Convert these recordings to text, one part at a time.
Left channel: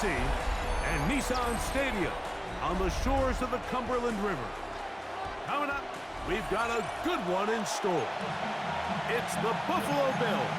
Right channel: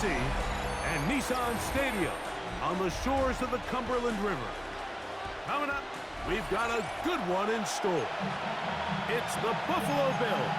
Tennessee, and Nissan Stadium on the shores of the Cumberland River. Coming up, we've got a good one in store. It's the Buffalo Bills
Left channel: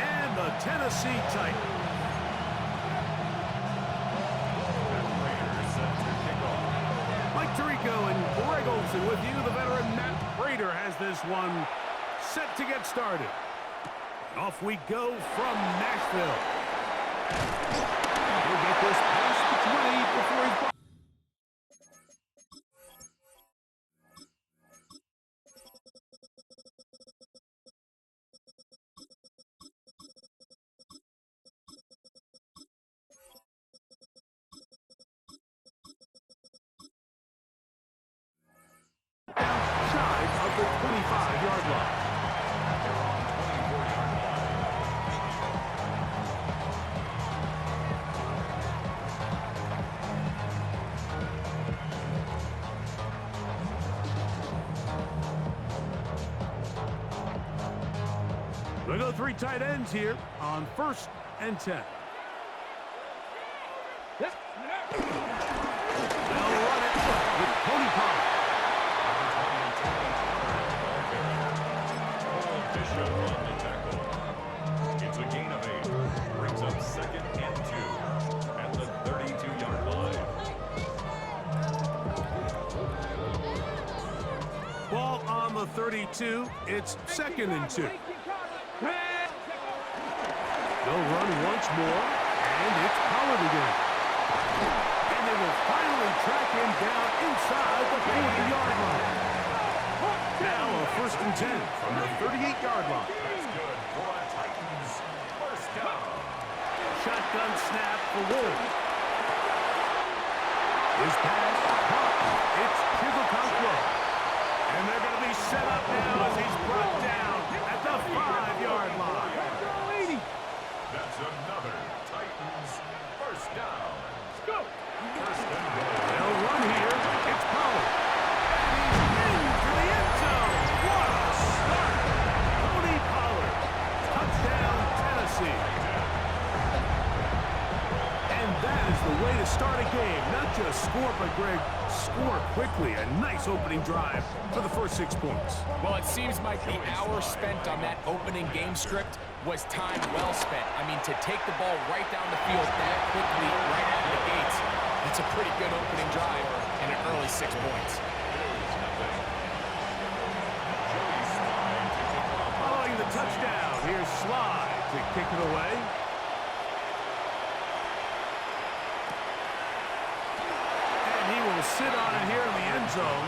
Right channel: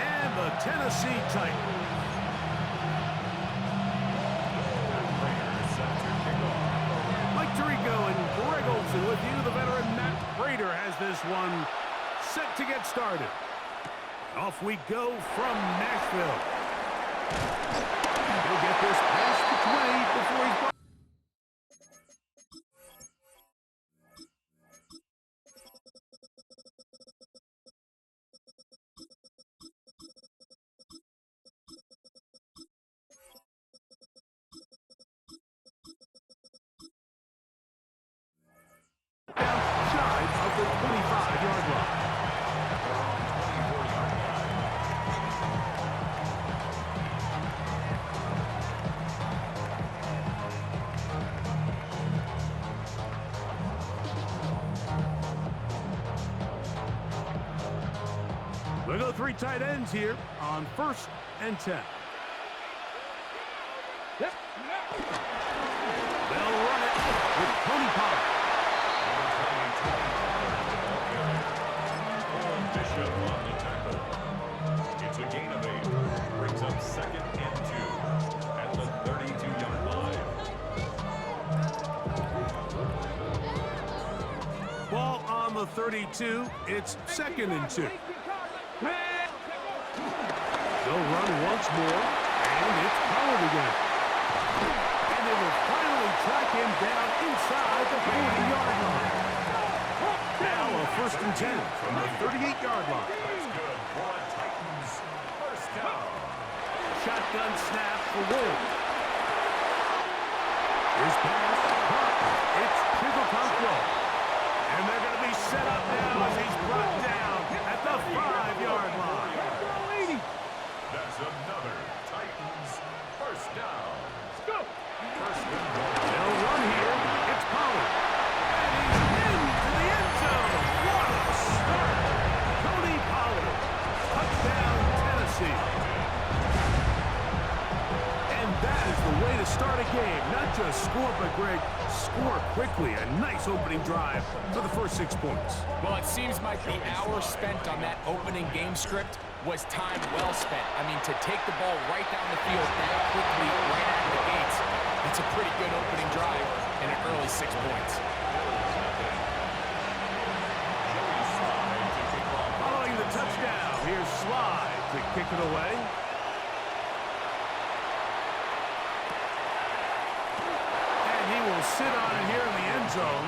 and the Tennessee Titans. Mike Tirico and Greg Olsen with you. The veteran Matt Prater has this one set to get started. Off we go from Nashville. He'll get this past the 20 before he's brought. Down shy of the 25-yard line. They're on 24-yard line. We'll go three tight ends here on 1st and 10. Yep. They'll run it with Tony Pollard. Number 20, Tony Pollard at the ball carrier. Cole Bishop on the tackle. It's a gain of 8. Brings up 2nd and 2 at the 32-yard line. Ball on the 32. It's 2nd and 2. They'll run once more, and it's Pollard again. And they will finally track him down inside the 40-yard line. Now a 1st and 10 from the 38-yard line. That's good for a Titans first down. Shotgun snap for Wolves. His pass, caught. It's Chigokonkwo. And they're going to be set up now as he's brought down at the 5-yard line. That's another Titans first down. Let's go. First and goal. They'll run here. It's Pollard. And he's into the end zone. What a start. Tony Pollard. Touchdown, Tennessee. And that is the way to start a game. Not just score, but, Greg, score quickly. A nice opening drive for the first 6 points. Well, it seems like the hour spent on that opening game script was time well spent. I mean, to take the ball right down the field that quickly, right out of the gates, that's a pretty good opening drive and an early 6 points. Following the touchdown, here's Slide to kick it away. And he will sit on it here in the end zone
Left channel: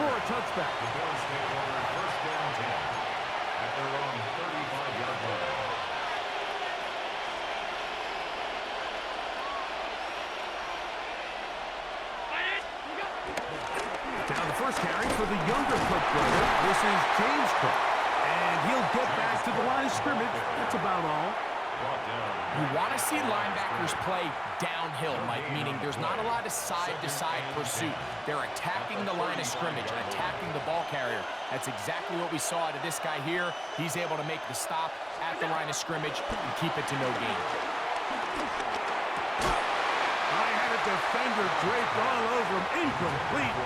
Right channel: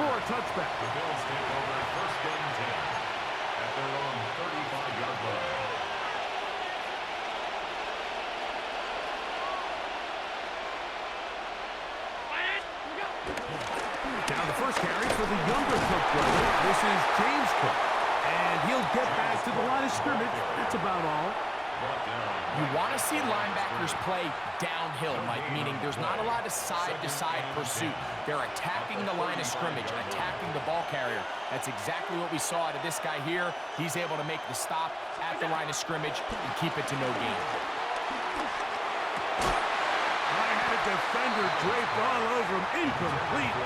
for a touchback. The Bills take over 1st and 10 at their own 35-yard line. Now the first carry for the younger Cook brother. This is James Cook. And he'll get back to the line of scrimmage. That's about all. You want to see linebackers play downhill, Mike, meaning there's not a lot of side-to-side pursuit. They're attacking the line of scrimmage, attacking the ball carrier. That's exactly what we saw out of this guy here. He's able to make the stop at the line of scrimmage and keep it to no gain. I had a defender draped all over him. Incomplete.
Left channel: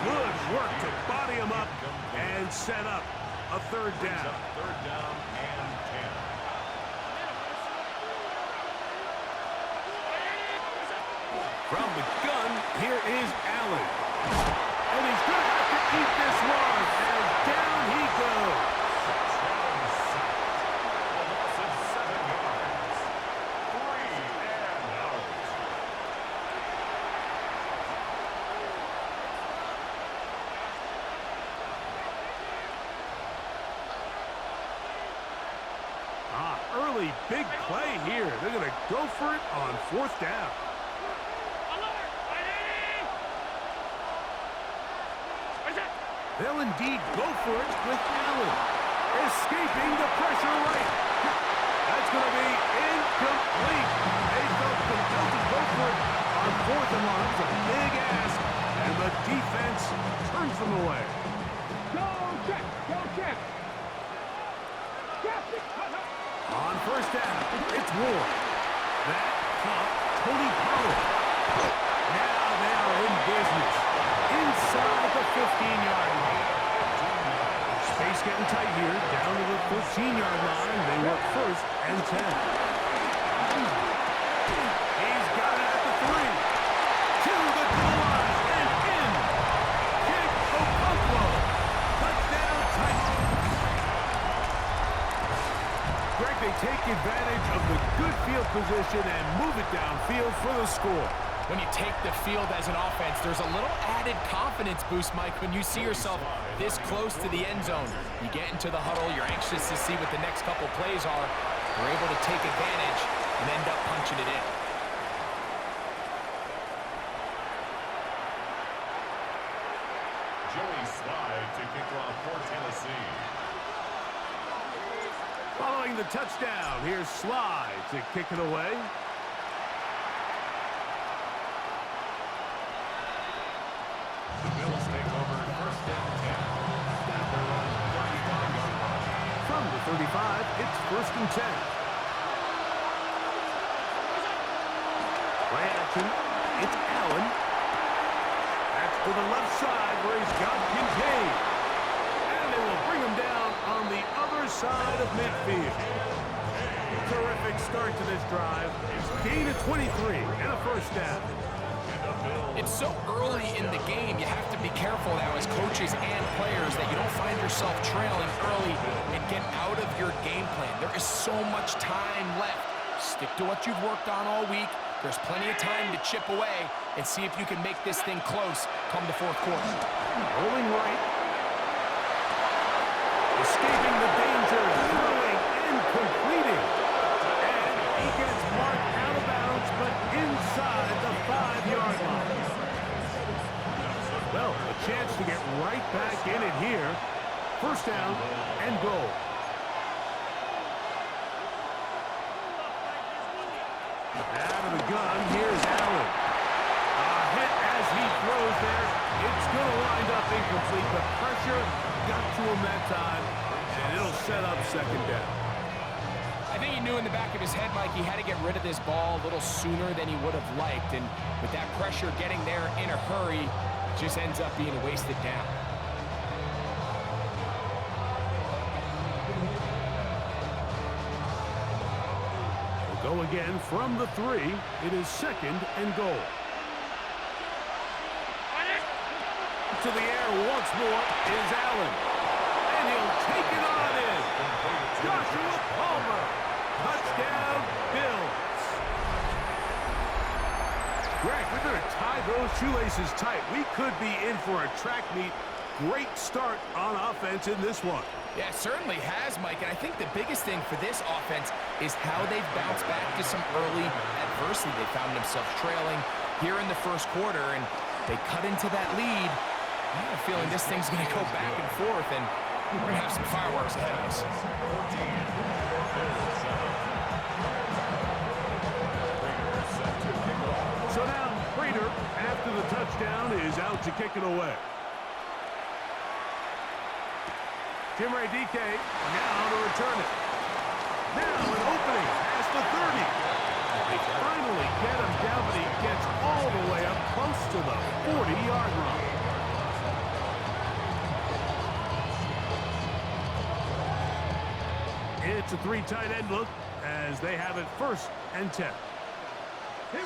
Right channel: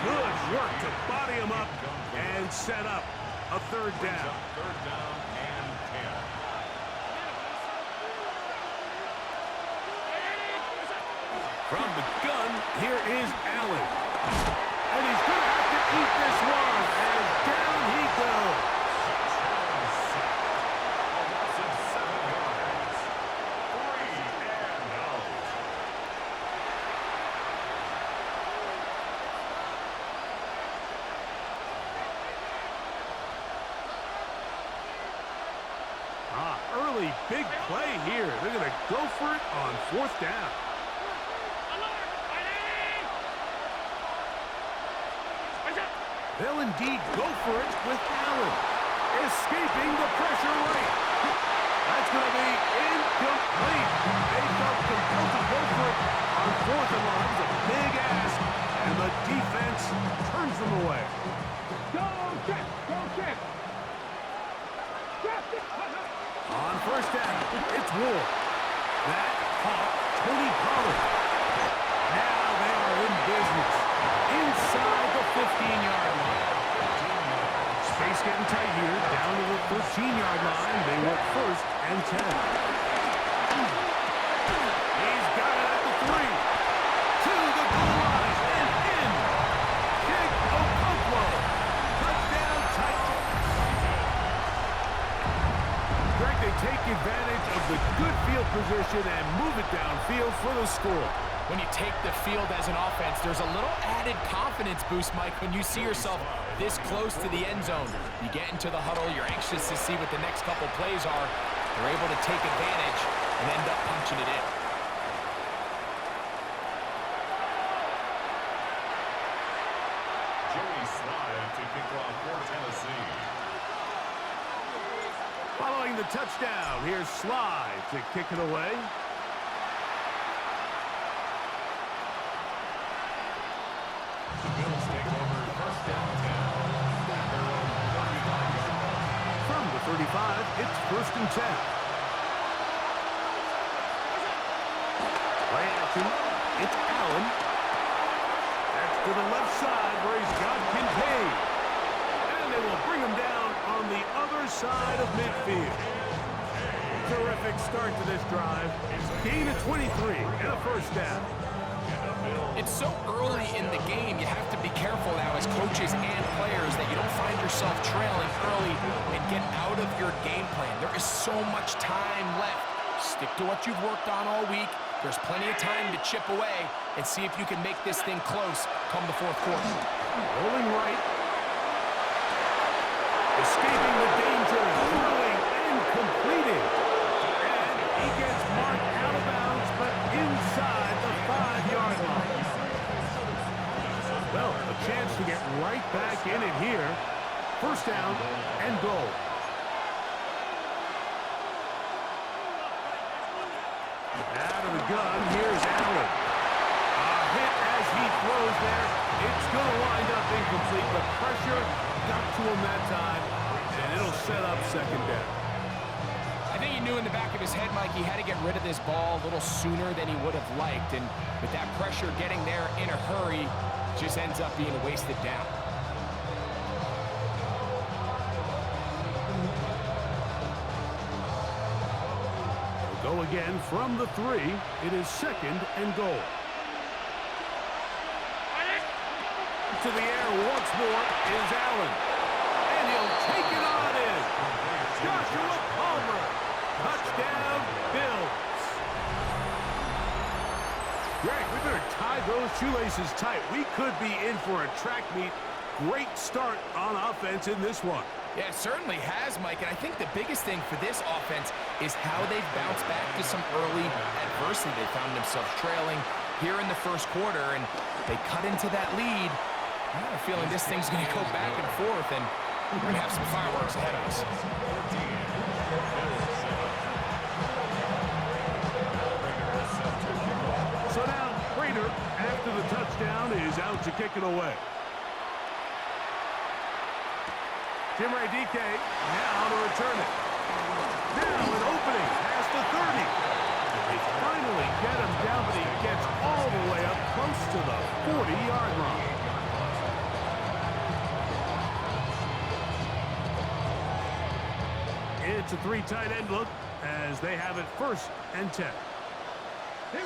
Good work to body him up and set up a 3rd down. 3rd down and 10. From the gun, here is Allen. And he's going to have to eat this one as down he goes. A loss of 7 yards. 3 and out. Early big play here. They're going to go for it on 4th down. They'll indeed go for it with Allen. Escaping the pressure right. That's going to be incomplete. They felt compelled to go for it on 4th and long. That was a big ask, and the defense turns them away. Go, check. Go, check. On 1st down, it's Ward. That caught Now they are in business inside the 15-yard line. Space getting tight here, down to the 13-yard line. They work first and 10. He's got it at the 3. To the goal line and in. Kick Okonkwo. Touchdown Titans. Greg, they take advantage of the good field position and move it downfield for the score. When you take the field as an offense, there's a little added confidence boost, Mike, when you see yourself this close to the end zone. You get into the huddle, you're anxious to see what the next couple plays are. They're able to take advantage and end up punching it in. Joey Slide to kick off for Tennessee. Following the touchdown, here's Slide to kick it away. The Bills take over first and 10 at their own 35-yard line. From the 35, it's first and 10. Play action. It's Allen. That's to the left side where he's got Kincaid. And they will bring him down on the other side of midfield. Terrific start to this drive. Gain of 23 and a first down. It's so early in the game, you have to be careful now as coaches and players that you don't find yourself trailing early and get out of your game plan. There is so much time left. Stick to what you've worked on all week. There's plenty of time to chip away and see if you can make this thing close come the fourth quarter. Rolling right. Escaping the danger, throwing and completing. And he gets marked out of bounds, but inside the 5-yard line. Well, a chance to get right back in it here. First down and goal. Out of the gun, here's Allen. A hit as he throws there. It's going to wind up incomplete, but pressure got to him that time, and it'll set up second down. I think he knew in the back of his head, Mike, he had to get rid of this ball a little sooner than he would have liked, and with that pressure getting there in a hurry, it just ends up being a wasted down. Go again from the 3. It is second and goal. To the air once more is Allen. And he'll take it on in. Joshua Palmer. Touchdown, Bills. Greg, we better tie those shoelaces tight. We could be in for a track meet. Great start on offense in this one. Yeah, it certainly has, Mike, and I think the biggest thing for this offense is how they've bounced back to some early adversity. They found themselves trailing here in the first quarter, and they cut into that lead. I have a feeling this thing's going to go back and forth, and we're going to have some fireworks ahead of us. 14, Bills 7. Prater set to kick off. So now, Prater, after the touchdown, is out to kick it away. Jim Ray DK now to return it. Now an opening past the 30. They finally get him down, but he gets all the way up close to the 40-yard line. It's a 3 tight end look as they have it first and 10. The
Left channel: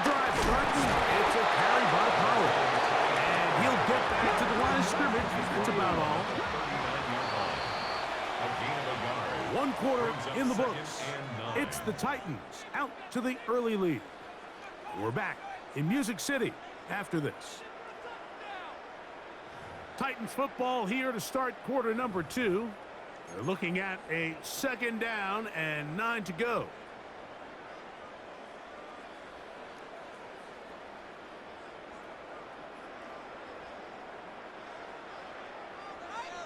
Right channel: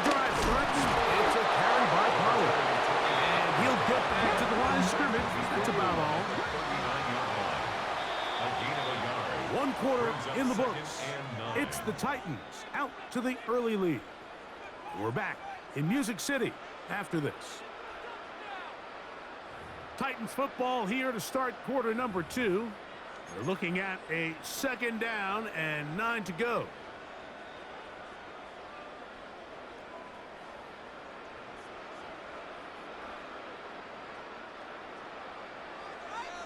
drive starts. It's a carry by Pollard. And he'll get back to the line of scrimmage. That's about all. 39-yard line. A gain of a yard. 1 quarter Brings up in the second books. and 9. It's the Titans out to the early lead. We're back in Music City after this. Titans football here to start quarter number 2. They're looking at a second down and 9 to go.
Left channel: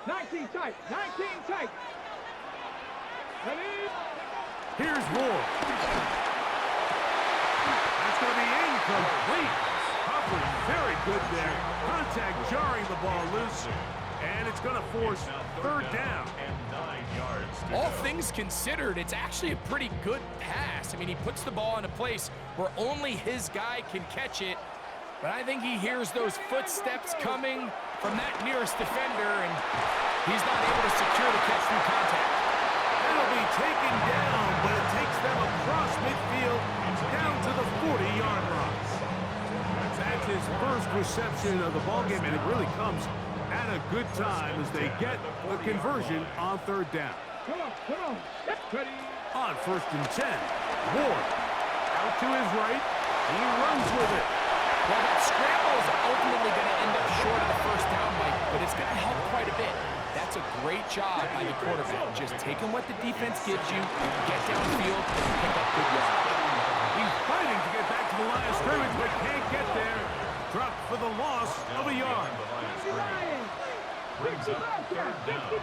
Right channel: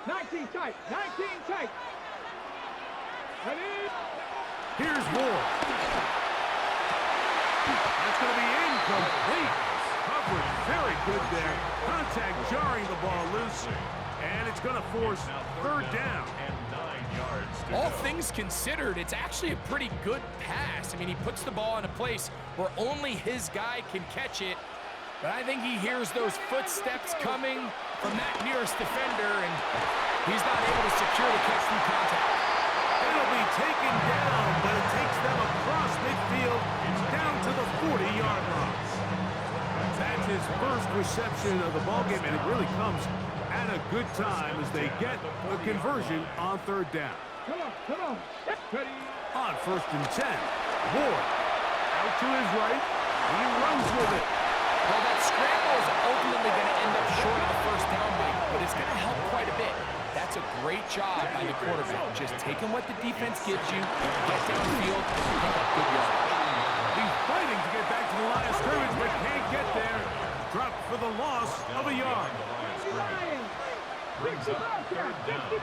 Nineteen tight. 19 tight. Ready? Here's Moore. That's going to be incomplete. Coverage very good there. Contact jarring the ball loose. And it's going to force third down. And 9 yards to All go. things considered, it's actually a pretty good pass. I mean, he puts the ball in a place where only his guy can catch it. But I think he hears those footsteps coming from that nearest defender, and he's not able to secure the catch through contact. It'll be taken down, but it takes them across midfield down to the 40-yard line. That's his first reception of the ballgame, and it really comes at a good time as they get a conversion on third down. Come on. Ready. On 1st and 10, Ward out to his right. He runs with it. Well, that scramble is ultimately going to end up short of the first down, Mike, but it's going to help quite a bit. That's a great job by the quarterback, just taking what the defense gives you, get downfield, and pick up good yardage. He's fighting to get back to the line of scrimmage, but can't get there. Dropped for the loss of a yard. The line of scrimmage. Brings up third down. The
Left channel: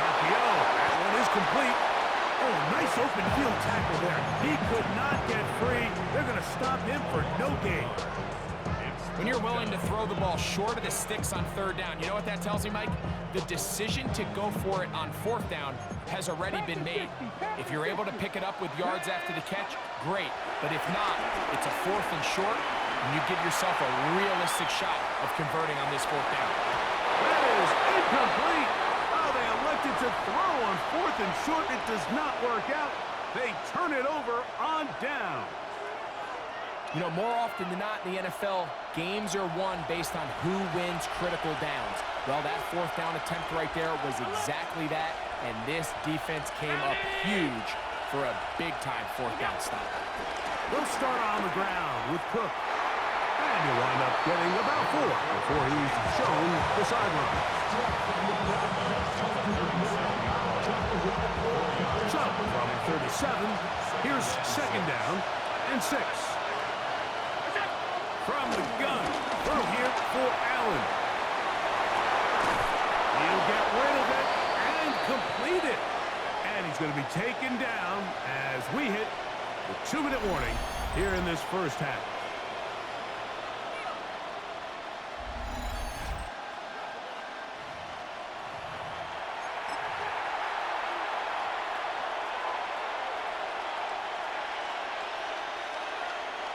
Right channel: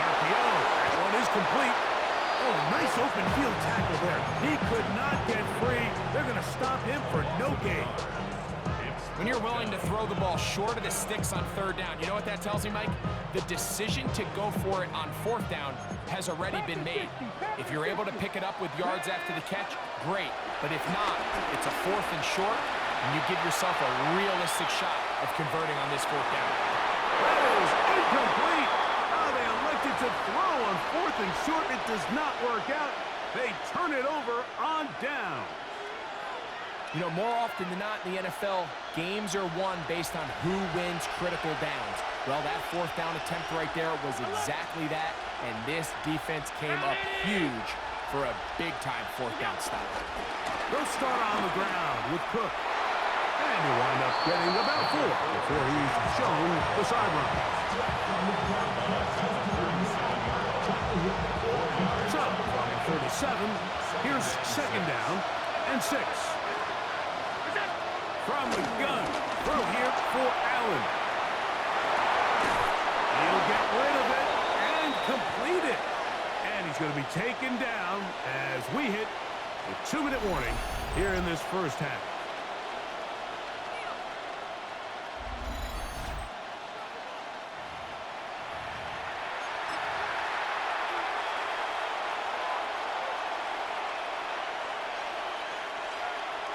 RPO, that one is complete. Oh, nice open field tackle there. He could not get free. They're going to stop him for no gain. When you're willing to throw the ball short of the sticks on third down, you know what that tells me, Mike? The decision to go for it on fourth down has already been made. If you're able to pick it up with yards after the catch, great. But if not, it's a 4th and short, and you give yourself a realistic shot of converting on this fourth down. That is incomplete. Oh, they elected to throw on 4th and short. It does not work out. They turn it over on down. You know, more often than not in the NFL, games are won based on who wins critical downs. Well, that fourth down attempt right there was exactly that, and this defense came up huge for a big-time fourth down stop. They'll start on the ground with Cook. And he'll wind up getting about 4 before he's shown the sideline. So, from 37, here's 2nd down and 6. From the gun, throw here for Allen. He'll get rid of it and complete it. And he's going to be taken down as we hit the 2-minute warning here in this first half.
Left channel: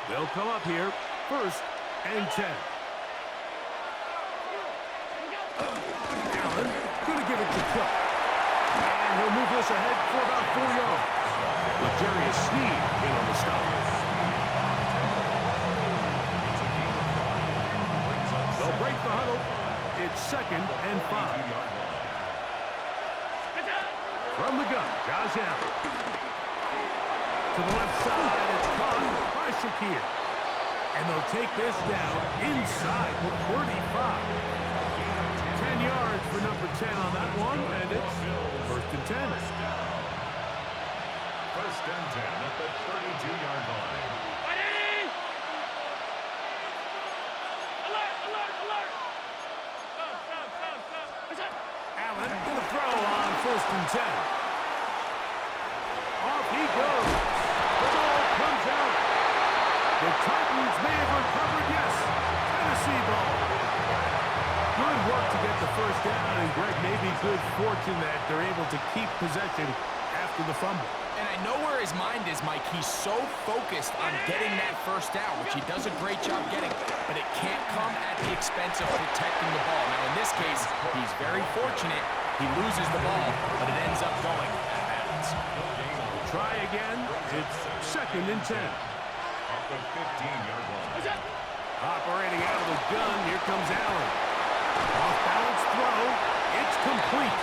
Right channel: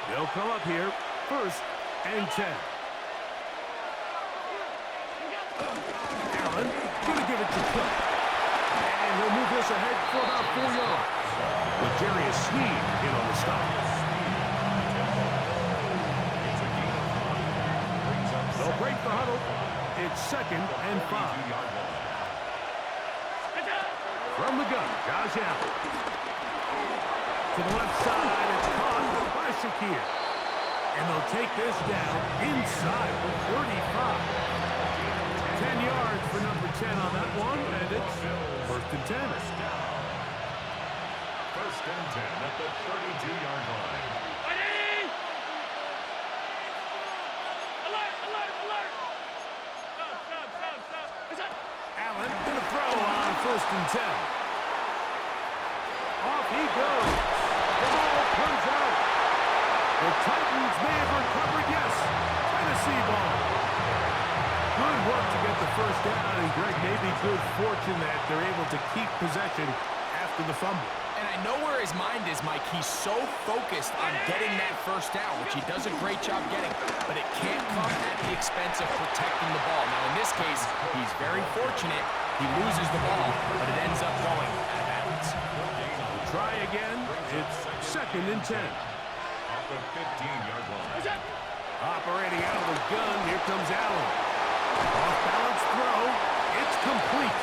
They'll come up here, 1st and 10. Allen going to give it to Cook. And he'll move this ahead for about 4 yards. With Jarius Sneed in on the stop. They'll break the huddle. It's 2nd and 5. From the gun, Josh Allen. To the left side, it's caught by Shakir. And they'll take this down inside the 35. 10 yards for number 10 on that one, and it's 1st and 10. 1st and 10 at the 32-yard line. Ready! Alert! Stop. Allen going to throw on 1st and 10. Off he goes. The ball comes out. The Titans may have recovered, yes. Tennessee ball. Good work to get the first down, and Greg, maybe good fortune that they're able to keep possession after the fumble. And I know where his mind is, Mike. He's so focused on getting that first down, which he does a great job getting, but it can't come at the expense of protecting the ball. Now, in this case, he's very fortunate. He loses the ball, but it ends up going out of bounds. Try again. It's 2nd and 10. Off the 15-yard line. Operating out of the gun, here comes Allen. Off-balance throw. It's complete.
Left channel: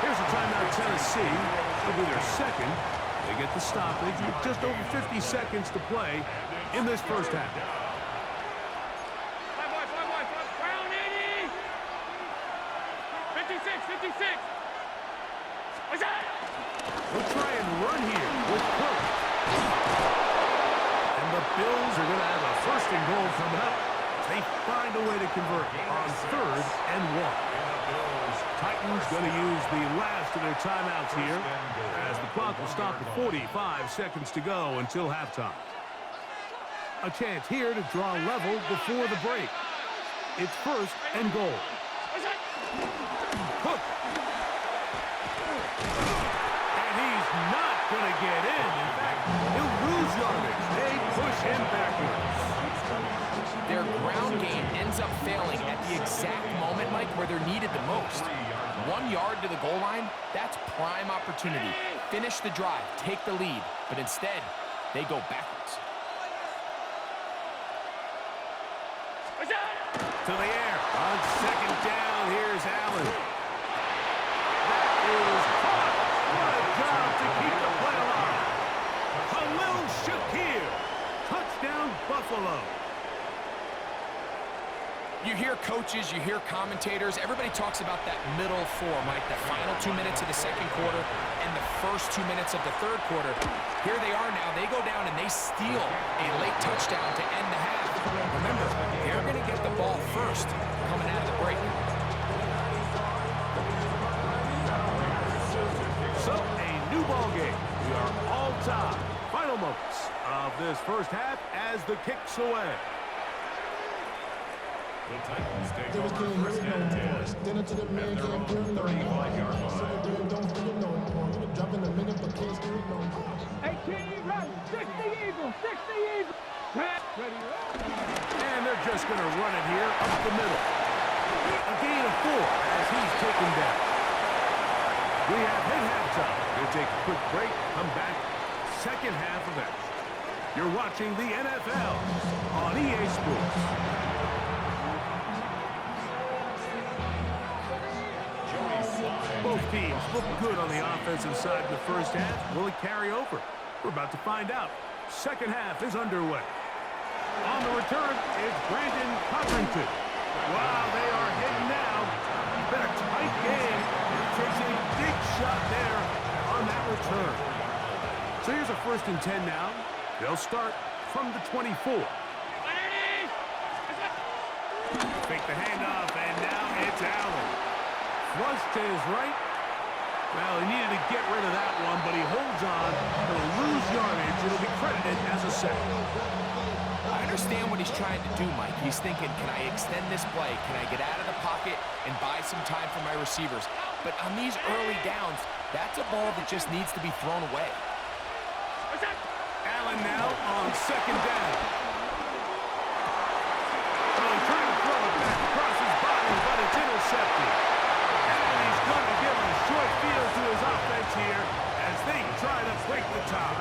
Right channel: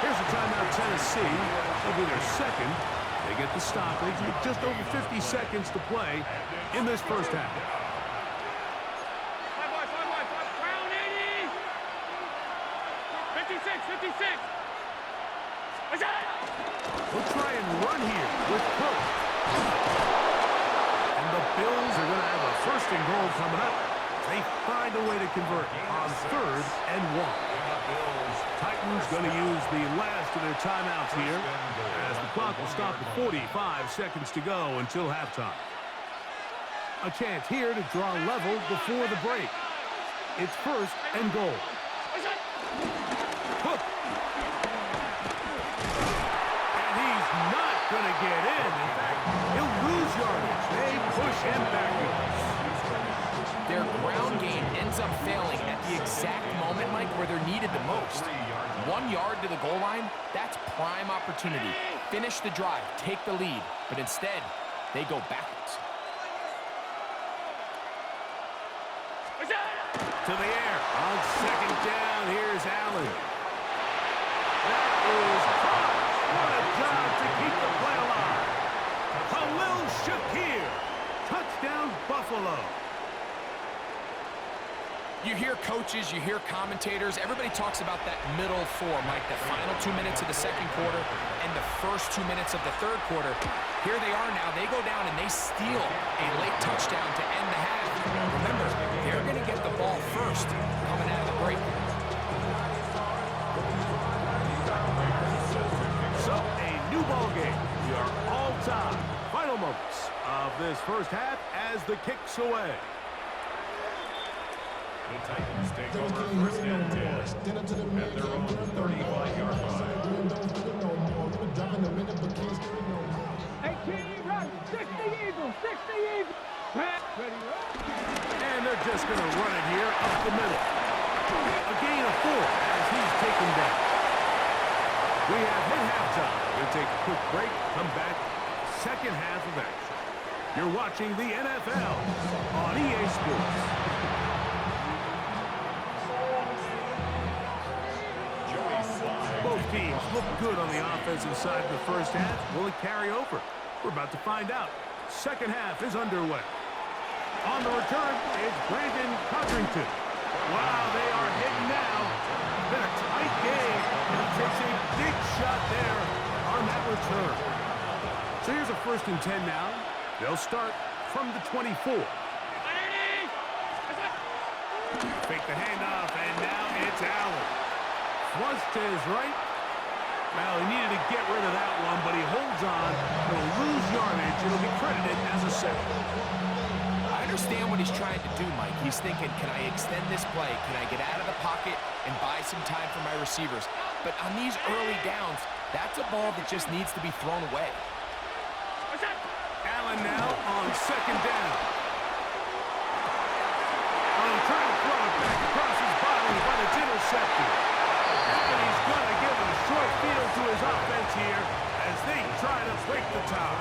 Here's a timeout, Tennessee. It'll be their 2nd. They get the stoppage with just over 50 seconds to play in this first half. 5 Brown 80! 56! What's that? We'll try and run here with Cook. And the Bills are going to have a 1st and goal coming up. They find a way to convert on 3rd and 1. Titans going to use the last of their timeouts here as the clock will stop at 45 seconds to go until halftime. A chance here to draw level before the break. It's first and goal. Hook. And he's not going to get in. In fact, he'll lose yardage. They push him backwards. Their ground game ends up failing at the exact moment, Mike, where they're needed the most. 1 yard to the goal line, that's prime opportunity. Finish the drive, take the lead, but instead, they go backwards. To the air. On second down, here's Allen. That is caught. What a job to keep the play alive. Khalil Shakir. Touchdown, Buffalo. You hear coaches, you hear commentators, everybody talks about that middle four, Mike, the final 2 minutes of the second quarter and the first 2 minutes of the third quarter. Here they are now. They go down and they steal a late touchdown to end the half. Remember, they're going to get the ball first coming out of the break. So, a new ball game. We are all tied. Final moments of this first half as the kick's away. The Titans take over first and 10 at their own 35-yard line. Hey, Kenny, run. 60 Eagles, 60 Eagles. Ready, And they're just going to run it here up the middle. A gain of 4 as he's taken down. We have hit halftime. Going to take a quick break, come back, second half of action. You're watching the NFL on EA Sports. Both teams look good on the offensive side in the first half. Will it carry over? We're about to find out. Second half is underway. On the return, it's Brandon Codrington. Wow, they are hitting now. It's been a tight game, and he takes a big shot there on that return. So here's a first and 10 now. They'll start from the 24. Fake the handoff, and now it's Allen. Flush to his right. Well, he needed to get rid of that one, but he holds on. He'll lose yardage. It'll be credited as a sack. I understand what he's trying to do, Mike. He's thinking, can I extend this play? Can I get out of the pocket and buy some time for my receivers? But on these early downs, that's a ball that just needs to be thrown away. Allen now on second down. Oh, trying to throw it back across his body, but it's intercepted. And he's going to give a short field to his offense here as they try to break the tie.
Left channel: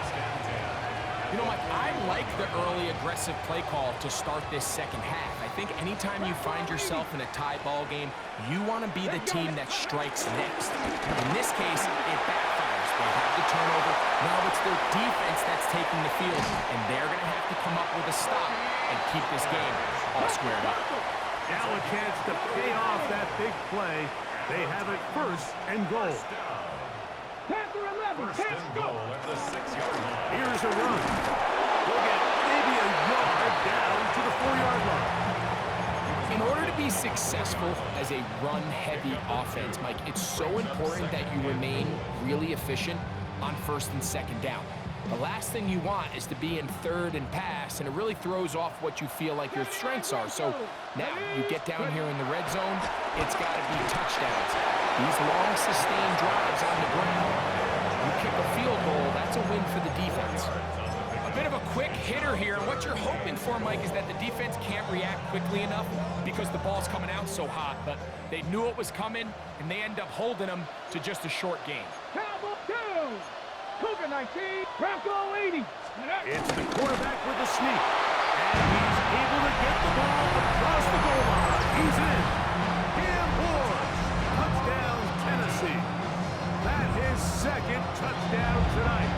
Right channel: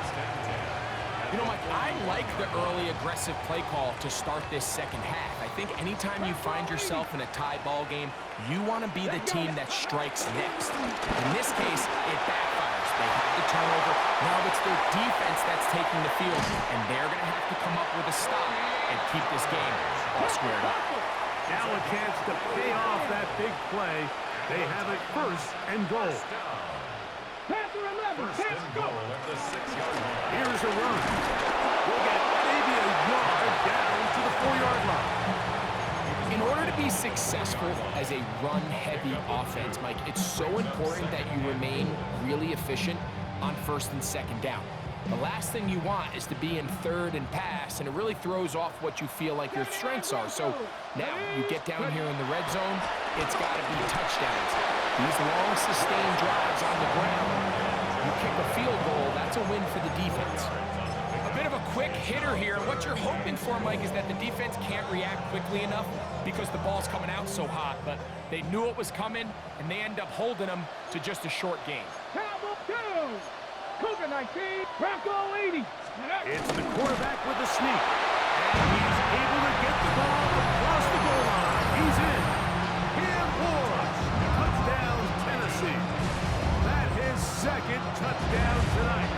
You know, Mike, I like the early aggressive play call to start this second half. I think anytime you find yourself in a tie ball game, you want to be the team that strikes next. In this case, it backfires. They have the turnover. Now it's their defense that's taking the field, and they're going to have to come up with a stop and keep this game all squared up. Now a chance to pay off that big play. They have it first and goal. Panther 11, First and goal at the 6-yard line. Here's a run. We'll get maybe a yard down to the 4-yard line. In order to be successful as a run-heavy offense, Mike, it's so important that you remain really efficient on first and second down. The last thing you want is to be in third and pass, and it really throws off what you feel like your strengths are. So now you get down here in the red zone, it's got to be touchdowns. These long, sustained drives on the ground, you kick a field goal, that's a win for the defense. A bit of a quick hitter here. What you're hoping for, Mike, is that the defense can't react quickly enough because the ball's coming out so hot, but they knew it was coming, and they end up holding them to just a short game. Cowboy 2, Cougar 19, Bronco 80. It's the quarterback with a sneak. And he's able to get the ball across the goal line. He's in. Cam Ward. Touchdown, Tennessee. That his second touchdown tonight.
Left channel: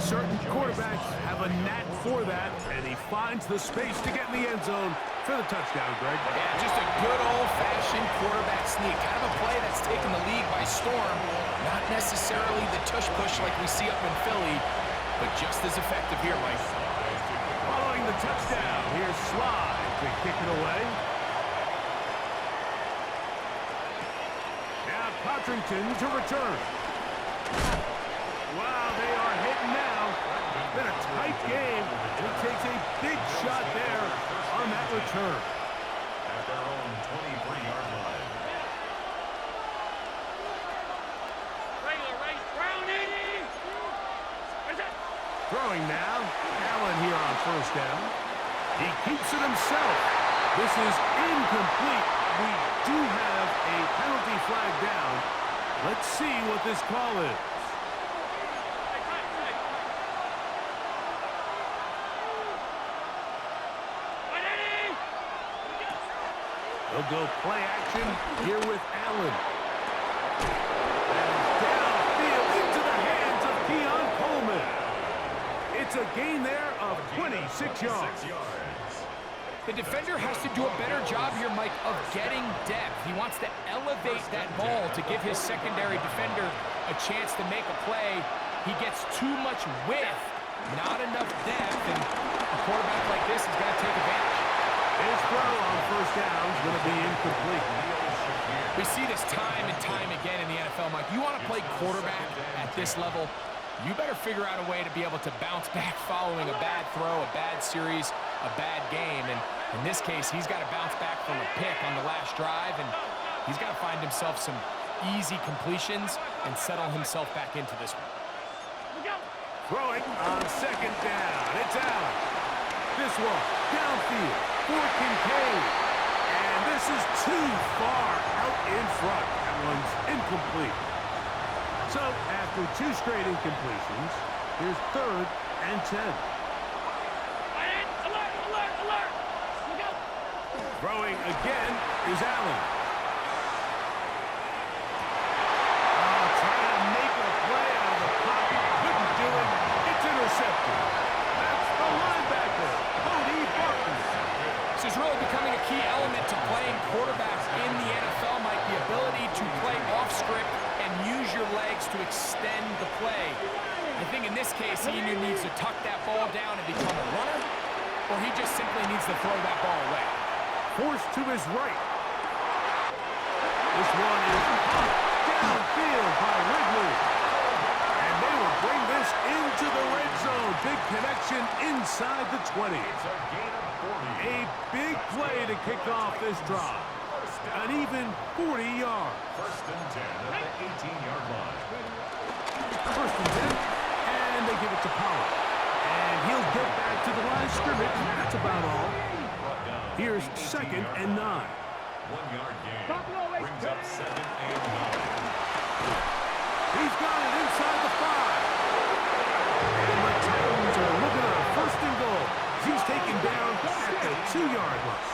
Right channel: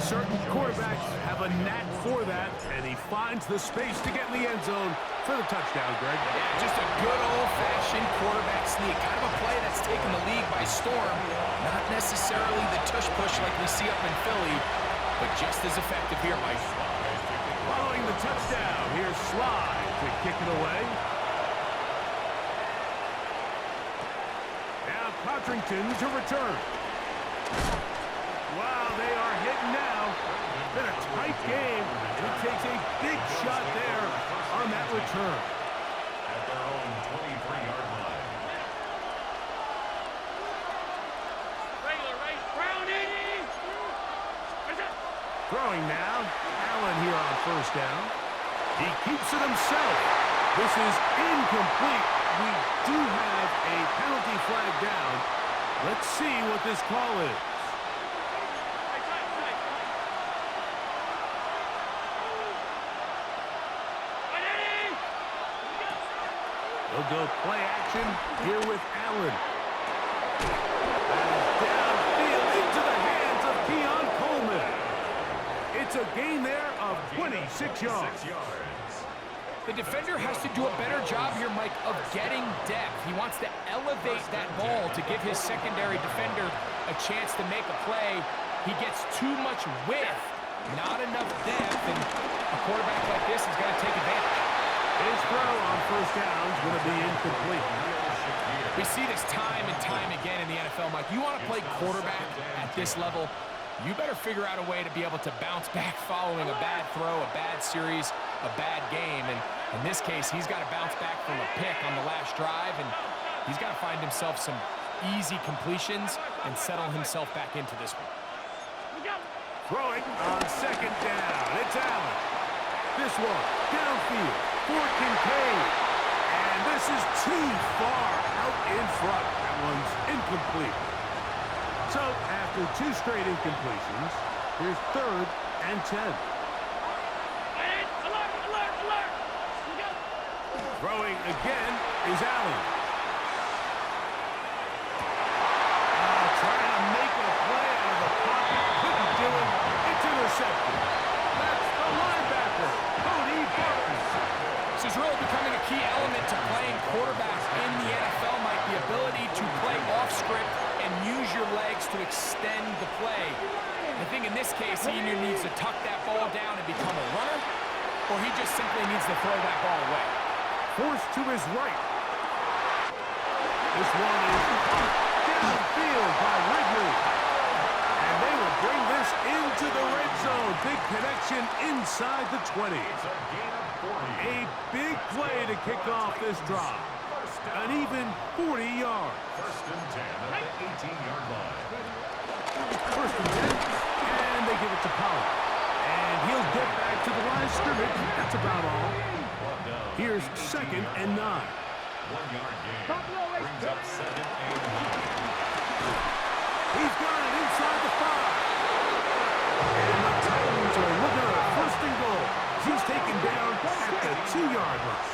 Certain quarterbacks have a knack for that, and he finds the space to get in the end zone for the touchdown, Greg. Yeah, just a good old-fashioned quarterback sneak. Kind of a play that's taken the league by storm. Not necessarily the tush-push like we see up in Philly, but just as effective here, Mike. Following the touchdown, here's Slide to kick it away. Now Codrington to return. Well, Wow, they are hitting now. It's been a tight game, and it takes a big shot there on that return. At their own 23-yard line. Regular race, Brown 80. Throwing now. Allen here on first down. He keeps it himself. This is incomplete. We do have a penalty flag down. Let's see what this call is. They'll go play action here with Allen. That is downfield into the hands of Keon Coleman. It's a gain there of 26 yards. The defender has to do a better job here, Mike, of getting depth. He wants to elevate that ball to give his secondary defender a chance to make a play. He gets too much width, not enough depth, and a quarterback like this is going to take advantage. His throw on first down is going to be incomplete. We see this time and time again in the NFL, Mike. You want to play quarterback at this level, you better figure out a way to be able to bounce back following a bad throw, a bad series, a bad game. And in this case, he's got to bounce back from a pick on the last drive, and he's got to find himself some easy completions and settle himself back into this one. Throwing on second down. It's Allen. This one downfield for Kincaid. And this is too far out in front. That one's incomplete. So after two straight incompletions, here's 3rd and 10. Alert, alert, alert. Look out. Throwing again is Allen. Trying to make a play out of the pocket. Couldn't do it. It's intercepted. That's the linebacker, Cody Barton. This is really becoming a key element to playing quarterback in the NFL, Mike. The ability to play off script and use your legs to extend the play. I think in this case, he either needs to tuck that ball down and become a runner, or he just simply needs to throw that ball away. Forced to his right. This one is caught downfield by Ridley. And they will bring this into the red zone. Big connection inside the 20. It's a gain of 40. A big play to kick off this drive. An even 40 yards. 1st and 10 at the 18-yard line. 1st and 10, and they give it to Pollard. And he'll get back to the line of scrimmage. That's about all. Here's 2nd and 9. 1-yard gain. Brings up 2nd and 9. He's got it inside the 5. And the Titans are looking at a 1st and goal. He's taken down at the 2-yard line.